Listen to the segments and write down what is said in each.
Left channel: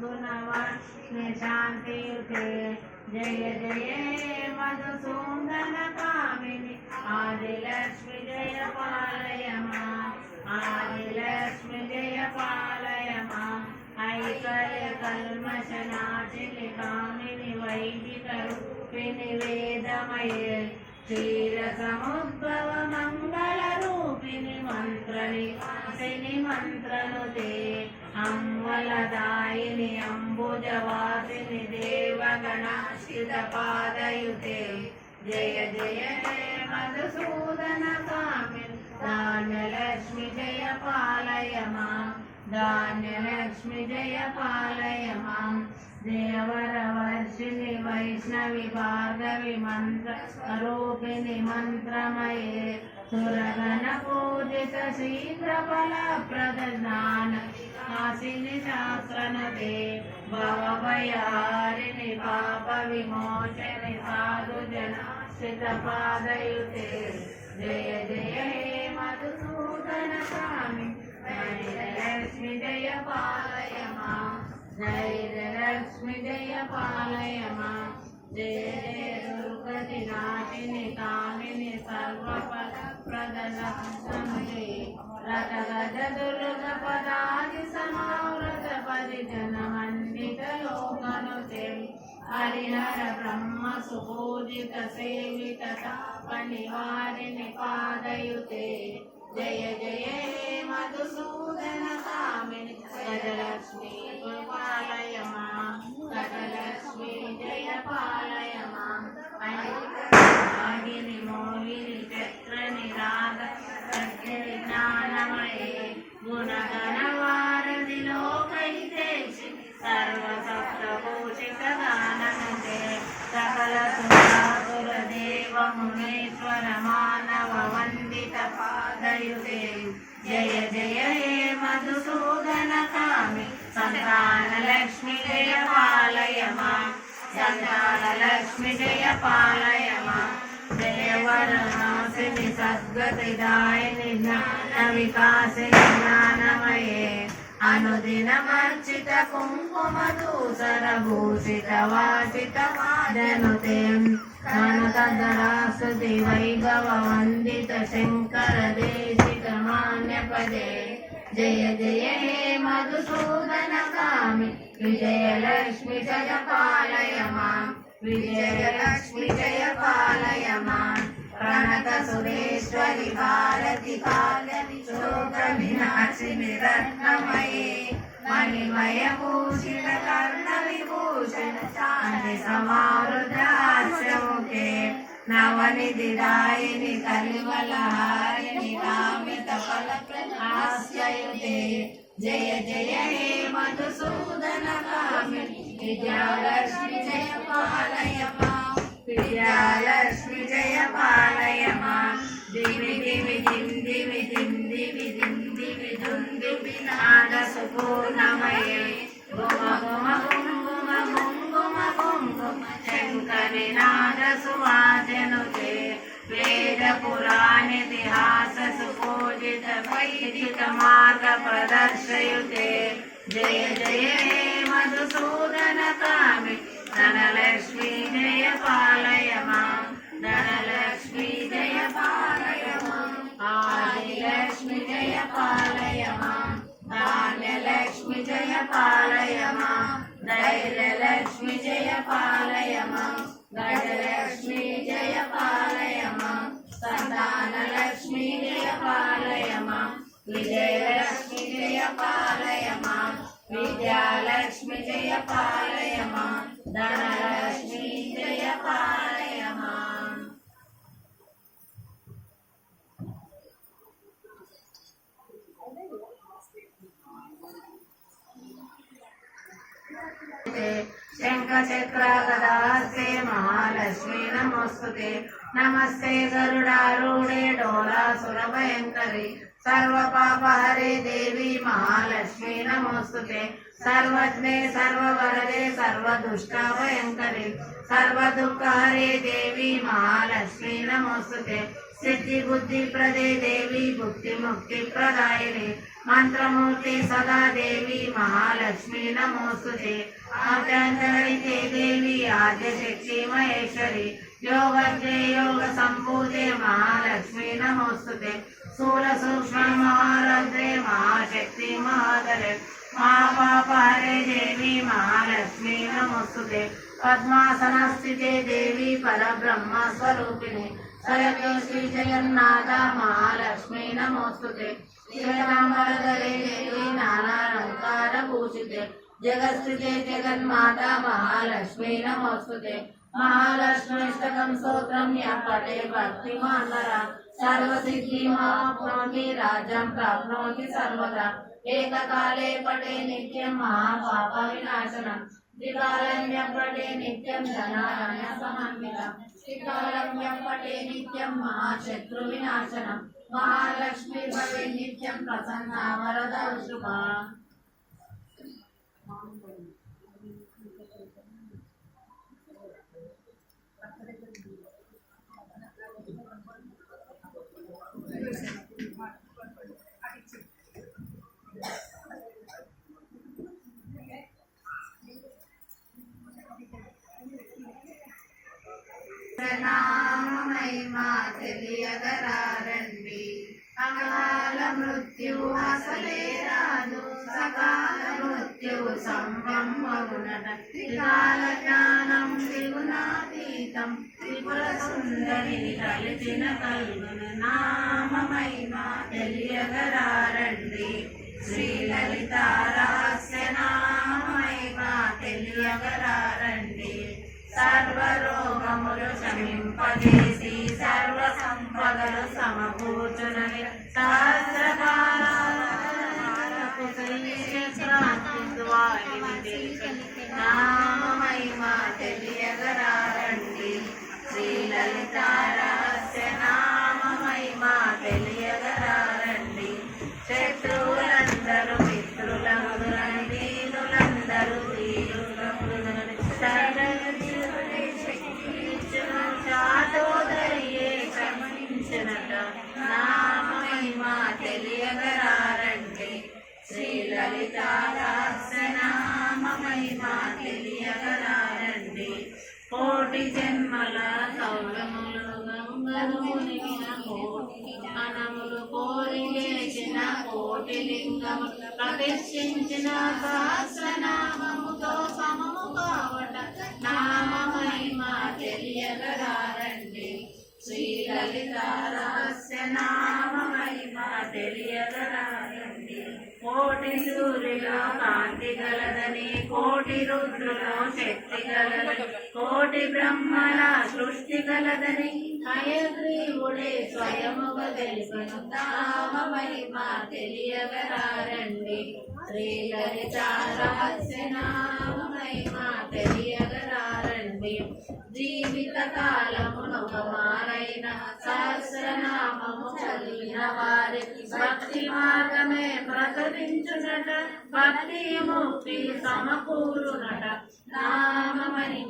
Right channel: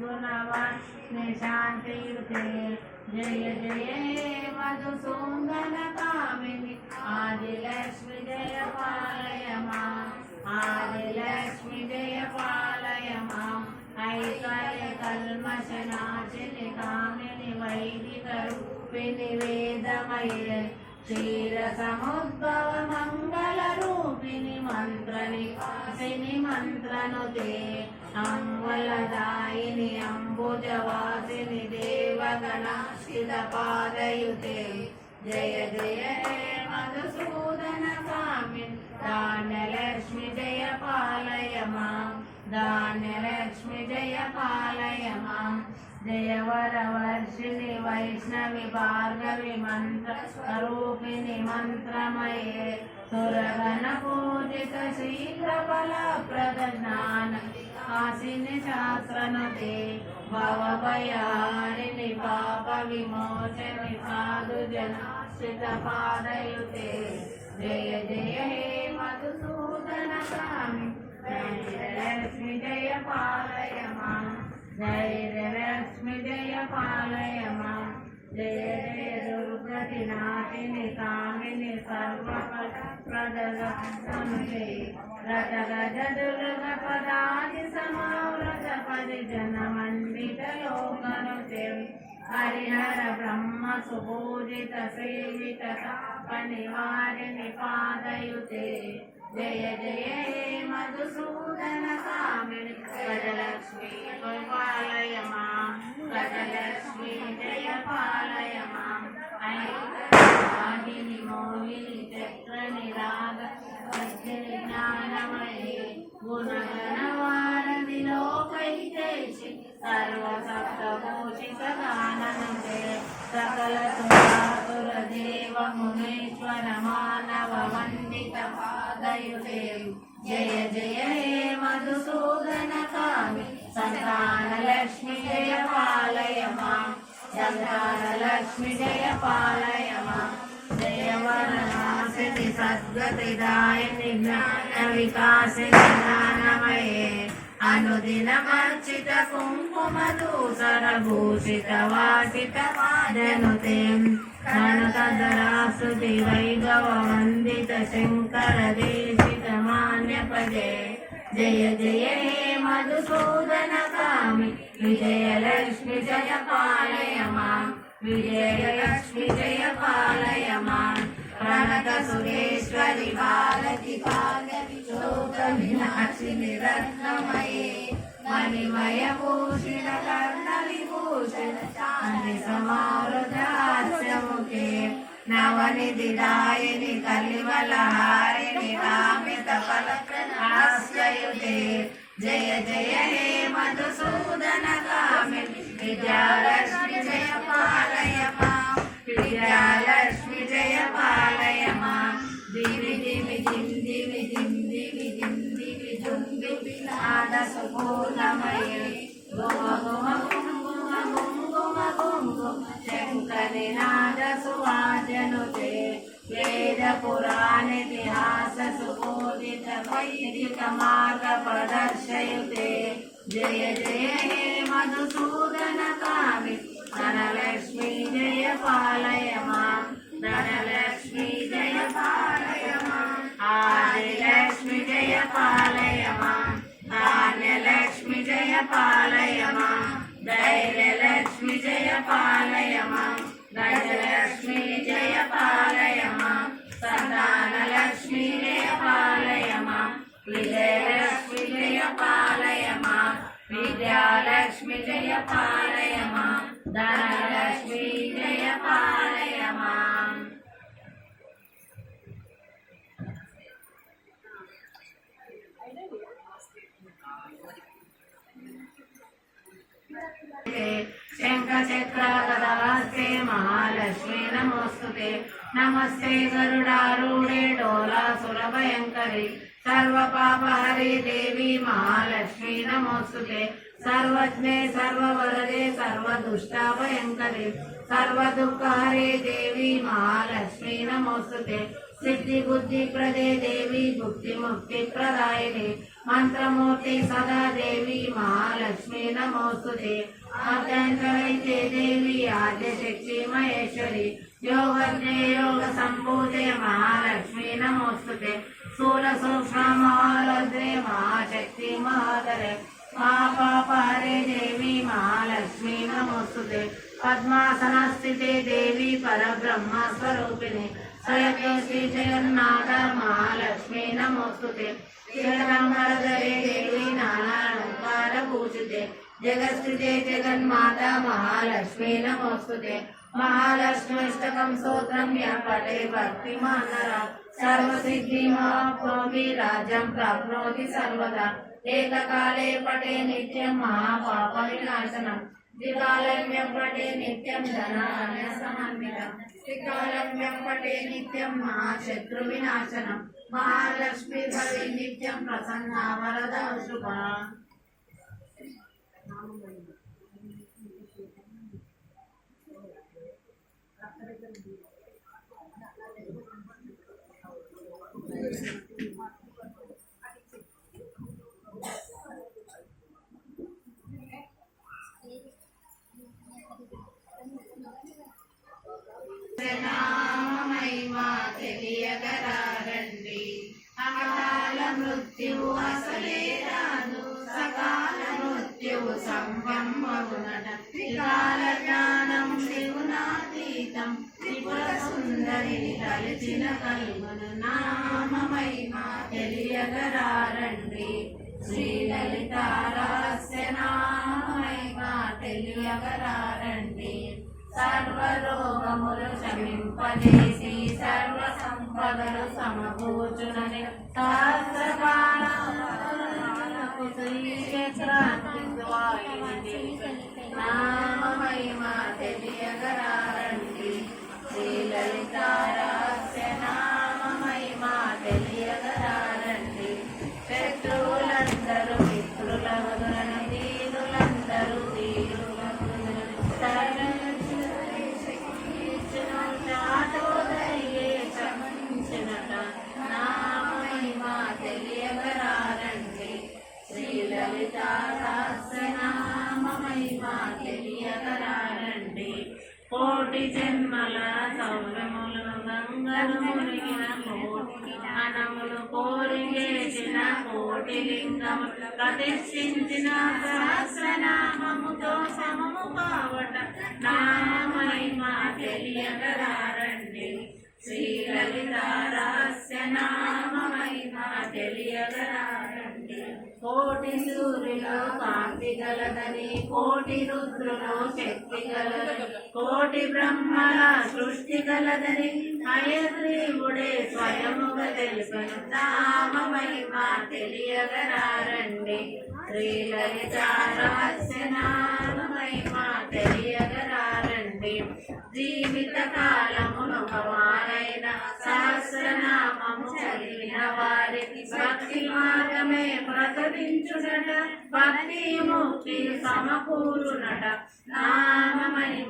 गुणवत्स्ने शान्तियुते जय जये मधुसून्दनकामिनि आदिलक्ष्मि जय पालय मा आदिलक्ष्मि जय पालय मा ऐकयकल्मशनाचिलिकामिनि वैदिकरूपिणि वेदमये क्षीरसमुद्भवमङ्गलरूपिणि मन्त्रनि मन्त्रनुते अङ्गलदायिनि अम्बुजवासिनि देवगणाश्रितपादयुते जय जय हे मधुसूदन कामिन् धान्यलक्ष्मि जय पालय माम् धान्यलक्ष्मि जय पालय माम् देवरवर्षिणि वैष्णवि भार्गवि मन्त्ररूपिणि मन्त्रमये सुरगणपूजित शीघ्रफलप्रदज्ञान హాసిని శాస్త్రనుతే భవభయారిణి పాప విమోచని సాధు జన పాదయుతే జయ జయ హే మధుసూదన స్వామి. లక్ష్మి జయ పాలయ మా లక్ష్మి జయ పాలయ మా జయ జయ దుర్గతి నాశిని కామిని సర్వపద ప్రదల సమయే. రట గజ దుర్గ పదాది సమావృత పరిజన మండిత లోకనుచెవి హరిహర బ్రహ్మ సుపూజిత సేవిత తాప నివారిణి పాదయుతే జయ జయ హే మధుసూదన కామిని గజలక్ష్మి పాలయ మాం గజలక్ష్మి జయ పాలయ మాం మయూరిని మోహిని చక్ర నిరా గుణగణవారదిలోకైతే సర్వసప్తభూషితగానందే సకల సుందాసుర దేవమునేశ్వర మానవ వండిత పాదయుతే జయ జయ హే మధుసూదన కామి సంతాన లక్ష్మి జయ పాలయమా సంతాన జయ పాలయమా पालय माम् जय वरनाशिनि सद्गतिदायिनि ज्ञानविकासिनि ज्ञानमये अनुदिनमर्चित कुङ्कुमदूसर भूषित वासित वाजनुते कनकधरासुति वैभव वन्दित शङ्कर देशिक मान्यपदे जय जय हे मधुसूदन कामि विजयलक्ष्मि जय पालय माम् माम् प्रणतसुरेश्वरि भारति कालविशोकविनाशिनि रत्नमये मणिमयभूषण कर्णविभूषण चान्दि समावृतास्यमुखे नवनिधिदायिनि कलिवलहारिणि कामितफलप्रहास्ययुते जय जय हे मधुसूदन कामिनि विद्यालक्ष्मि जय वेदपुराणितिहास सुपूजित वैदिक मार्ग प्रदर्शयुते। जय जय हे मधुसूदन कामि धनलक्ष्मी जय पालय माम् धनलक्ष्मी जय पालय माम् आदिलक्ष्मी जय पालय माम् धान्यलक्ष्मी जय पालय माम् धैर्यलक्ष्मी जय पालय माम् गजलक्ष्मी जय पालय माम् సంతాన లక్ష్మి పాలయమా విజయలక్ష్మి జయ పాలయమా విద్యాలక్ష్మి జయ పాలయమా ధన నమోస్తుతే శంఖచక్రగదాస్తే మహాలక్ష్మి నమోస్తుతే నమస్తే గరుడారూఢే డోలాసురభయంకరి సర్వపాపహరే దేవి మహాలక్ష్మి నమోస్తుతే సర్వజ్ఞే సర్వవరదే సర్వదుష్టభయంకరి సర్వదుఃఖహరే దేవి మహాలక్ష్మి నమోస్తుతే సిద్ధి బుద్ధి ప్రదే దేవి భుక్తి ముక్తి ప్రదాయిని మంత్రమూర్తి సదాదేవి మహాలక్ష్మి నమోస్తుతే. ఆద్యంతరైతే దేవి ఆద్యశక్తి మహేశ్వరి. యోగజ్ఞే యోగ సంభూతే మహాలక్ష్మి నమోస్తుతే. స్థూల సూక్ష్మ మహాలక్ష్మి మహాశక్తి మహాధరే. మహాపాపహరే దేవి మహాలక్ష్మి నమోస్తుతే పద్మాసన స్థితే దేవి పరబ్రహ్మ స్వరూపిణి స్వయం శ్రీ జగన్నాథ మహాలక్ష్మి నమోస్తుతే జగన్మరధరే దేవి నానాలంకార భూషితే జగత్స్థితే జగన్మాత మహాలక్ష్మి నమోస్తుతే మహాలక్ష్మిష్టకం స్తోత్రం యః పఠే భక్తి మానర. సర్వసిద్ధి మహాభూమి రాజ్యం ప్రాప్నోతి సర్వదా. ఏకకాలే పటే నిత్యం మహాపాప వినాశనం. త్రికాలమ్యం పటే నిత్యం ధనాన్య సమన్వితం. త్రికాలమ్యం పటే నిత్యం మహాశత్రు వినాశనం. మహాలక్ష్మి నామమహిమా తెలియగరారండి అకాల మృత్యువు అసలే రాదు సకాల మృత్యువు సంభమ్మవునట త్రికాల జ్ఞానం త్రిగుణాతీతం త్రిపుర సుందరిని తలిచిన కలుగును నామమహిమా తెలియగరారండి శ్రీ లలితారాస్య రహస్య నామమహిమా తెలియగరారండి సర్వరోగములు శమింపజేసి సర్వ సంపదలు సమకూర్చునని సహస్రకాలకు గంగలు మునిగిన కోటి జ్ఞానములు కోరి చేసిన కోటి లింగములు ప్రతిష్ఠించిన సహస్రనామముతో సమము కావట నామమహిమ తెలియగరారండి శ్రీలలిత రహస్య నామమహిమ కోటి సూర్యులో కాంతి గలదని కోటి రుద్రులో శక్తి గలదని కోటి బ్రహ్మల సృష్టి గలదని అయగ్రీవుడే స్వయముగా తెలిపను తామ మహిమ తెలియగరారండి శ్రీలలిత రహస్య మహిమ తెలియగరారండి జీవిత మారైన సహస్రనామము చదివిన వారికి భక్తి మార్గమే ప్రకటించునట భక్తి ముక్తి సమకూరునట. నామ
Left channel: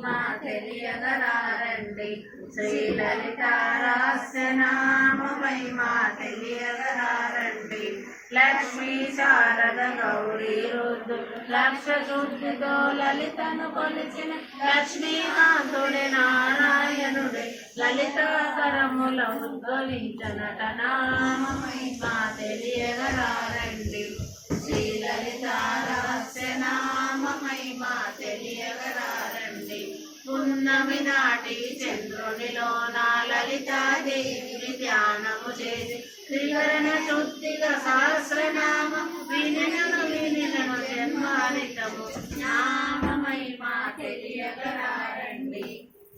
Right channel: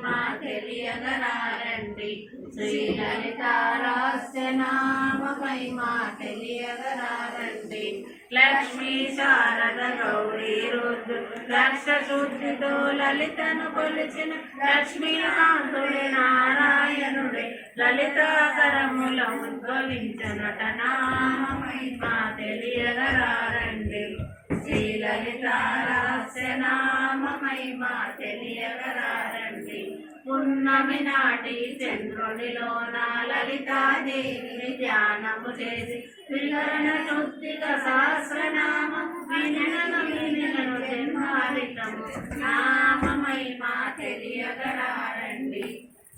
మా తెలియగరారండి. శ్రీ లలితారాస్య నామమై మా తెలియగరారండి. లక్ష్మీ శారద గౌరీ రుద్దు లక్ష శుద్ధితో లలితను కొలిచిన లక్ష్మీనాథుడే నారాయణుడి. లలితాకరముల ఉద్భవించనట నామ మహిమ తెలియగరారండి. శ్రీ లలిత నామ మహిమ తెలియగరారండి. పున్నమి నాటి చంద్రునిలోన లలితాదేవిని ధ్యానము చేసి శుద్ధిక సహస్రనామము వినను వినను జన్మారితము నామ మహిమ తెలియగరారండి.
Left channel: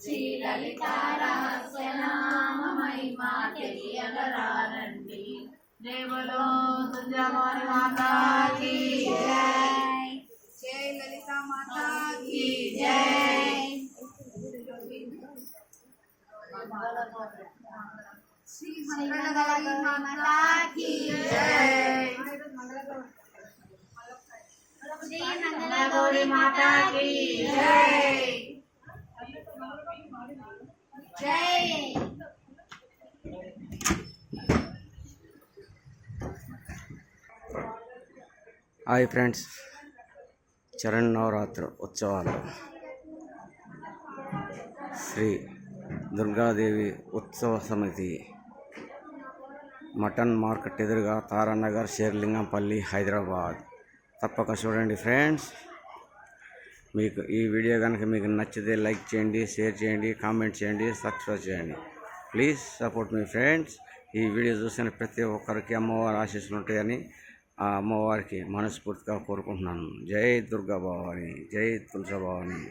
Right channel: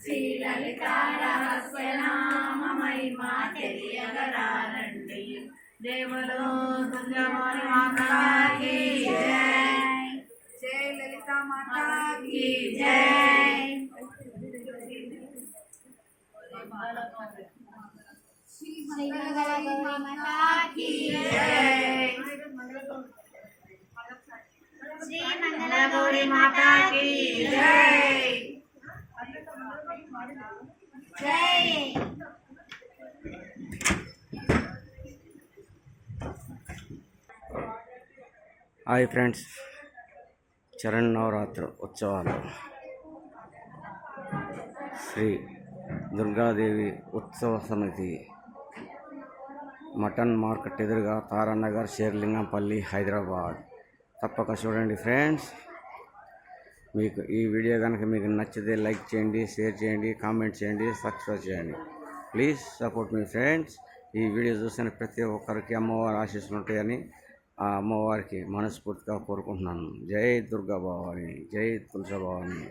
శ్రీ లలిత రహస్య నామ మహిమ తెలియగరారండి. దేవలో దుర్గామాని మాతాకి జై. జై లలిత మాతా की హాయ్ ఫ్రెండ్స్. చరణ్ నవరాత్రి ఉత్సవాలు. శ్రీ దుర్గాదేవి ఉత్సవ సమితి మటన్ మార్కెట్ ఎదురుగా తారానగర్ షేర్లింగంపల్లి హైదరాబాద్. తప్పక చూడండి ఫ్రెండ్స్. మీకు ఈ వీడియో కనుక మీకు నచ్చితే లైక్ చేయండి షేర్ చేయండి కామెంట్ చేయండి సబ్స్క్రైబ్ చేయండి. ప్లీజ్ సపోర్ట్ మీ ఫ్రెండ్స్. ఈ వీడియో చూసిన ప్రతి ఒక్కరికి అమ్మవారి ఆశీస్సులు ఉంటాయని ఆ అమ్మవారికి మనస్ఫూర్తిగా కోరుకుంటున్నాను. జై దుర్గా భవాని జై తులసభావాని.